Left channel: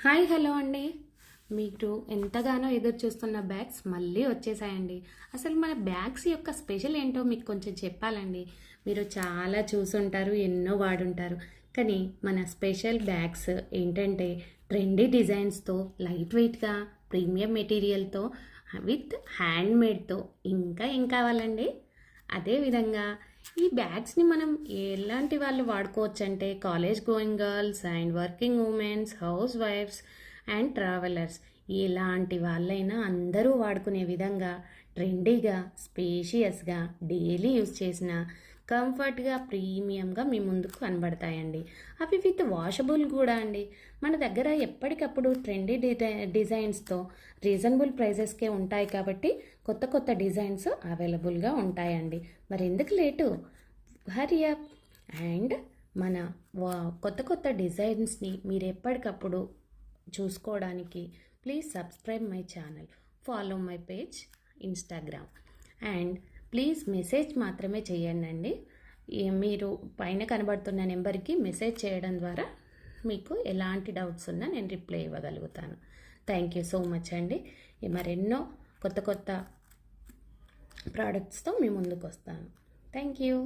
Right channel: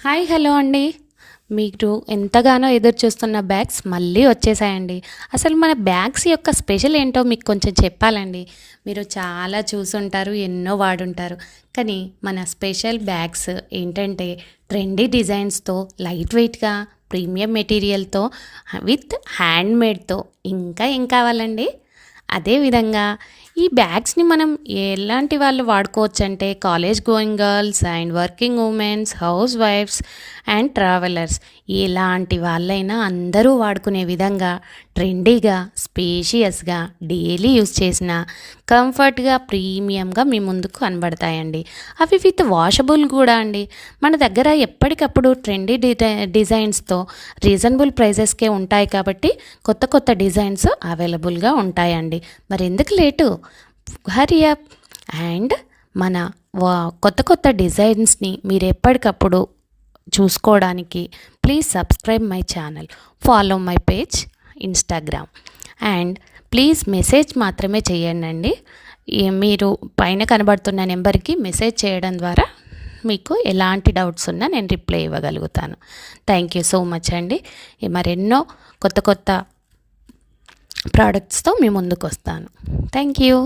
Hi hello అండి. మీరు ఎంతగానో ఎదురు చూస్తున్న బ్యాగ్స్ మళ్ళీ వచ్చేసాయండి. అసలు మన బ్యాగ్స్ యొక్క స్పెషల్ ఏంటో మీకు కొంచెం చెప్పాలండి. మీరు చాలా చూసుంటారు, ఎన్నో వాడుంటారు. కానీ మన స్పెషల్ బ్యాగ్స్ ఏంటంటే ట్రెండీ డిజైన్స్‌తో, లైట్ వెయిట్‌గా, ప్రీమియం మెటీరియల్‌తో, విత్ హ్యాండ్‌మేడ్‌తో ఇంకా ఏం కావాలండి? అదే విధంగా ఈ బ్యాగ్స్‌ని మనం ఎలాంటి వాళ్ళు వాడుకోవచ్చంటే college going girls and working womens, house wifes and travellers ఎలాంటి వాళ్ళైనా అందరూ వాడుకునే విధంగా ట్రెండీగా, స్పేషియస్‌గా, డైలీ యూజ్ చేసిన కంఫర్ట్‌గా, ప్రీమియంగా మీ ముందుకు కనబడతాయండి. అవి విత్ వాషబుల్ కూడా అండి. మన దగ్గర ఎప్పటికప్పుడు ట్రెండీ డిజైన్స్‌తో రీజనబుల్ ప్రైజెస్‌కే ఉంటాయి కాబట్టి కొత్త కొత్త డిజైన్స్ అవైలబుల్‌గా ఉంటాయండి. మరెందుకు లేటు? హరీ అప్ అండ్ మన కొత్త కొత్త డిజైన్స్‌ని మీరు ఎప్పటికప్పుడు చూసుకోవడానికి please subscribe my channel, follow my page Instagram and please message మాత్రమే చేయండి. మీరు పైన కనబడుతున్న నెంబర్కి మెసేజ్ చేయడం ద్వారా మీకు ఎలాంటి డౌట్స్ ఉన్నా నేను రిప్లై ఇవ్వగలుగుతాను. థ్యాంక్ యూ సో మచ్ అండి. మరెన్నో కొత్త కొత్త ప్రోడక్ట్స్తో మీ ముందుకు వస్తాను. Thank you.